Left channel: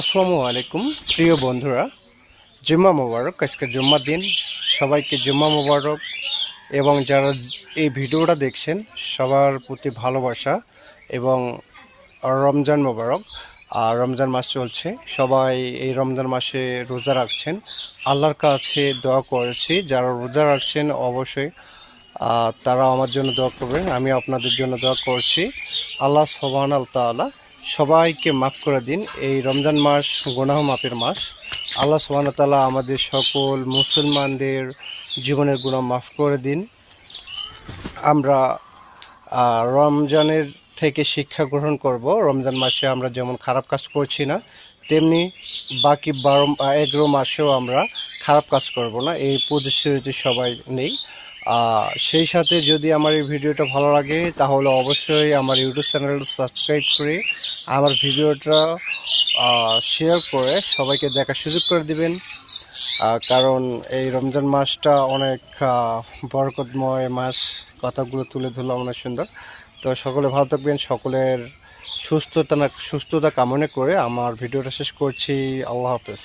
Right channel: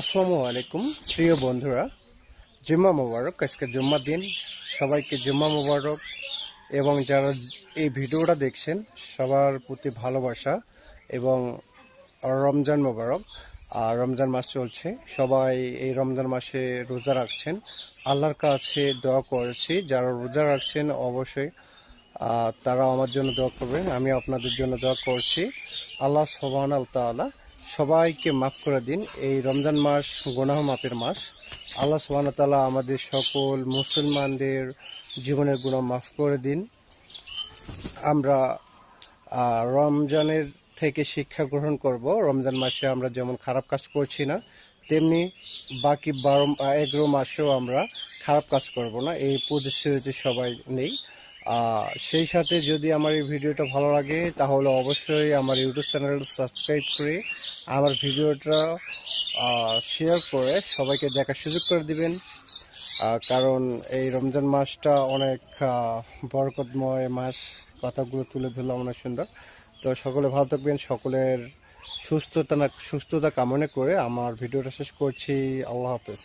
আসসালামু আলাইকুম প্রিয় বন্ধুরা, জুম্মা মোবারক। আজকে জুম্মার দিন, সবাইকে জুম্মা মোবারক। এবং যারা এই ভিডিওটা দেখছেন সবার প্রতি ভালোবাসা এবং রমজান মোবারক। আর রমজান মাস চলছে, সবাই এই রমজান মাসে রোজা রাখছেন। আল্লাহর কাছে দোয়া করেছি, যারা রোজা রাখছেন অবশ্যই তারা আমার জন্য দোয়া করবেন, আমি আপনাদের জন্য দোয়া করছি। আল্লাহ সুবহানাহু তাআলা সবাইকে মাফ করে দিন। এই রমজান মাস গুনাহ মাফের মাস। আল্লাহ সুবহানাহু তাআলা আমাদের সকল মুসলমানদের জীবনের গুনাহ মাফ করে দিন। আমরা রমজানের থেকে শিক্ষা গ্রহণ করব। রমজান মাসে আমরা যেমন খারাপ কাজ করছি না, তেমনি বাকি 11 মাসেও আমরা খারাপ কাজ করব না, এই প্রতিশ্রুতি সবাই নেই। সেই সাথে যদি আমার এই ভিডিওটা ভালো লাগে তাহলে অবশ্যই আমার ইউটিউব চ্যানেলটা সাবস্ক্রাইব করে আমার ভিডিওটা শেয়ার করে সবাইকে দেখার সুযোগ করে দিবেন। কারণ এই রমজান মাসটা অনেক বরকতময় মাস। কথাগুলো তুলে ধরলাম অনেক সুন্দর। তো সকলে ভালো থাকবেন, সকলের সুস্থতা কামনা করে আমার ভিডিওটা শেষ করছি। আল্লাহ হাফেজ।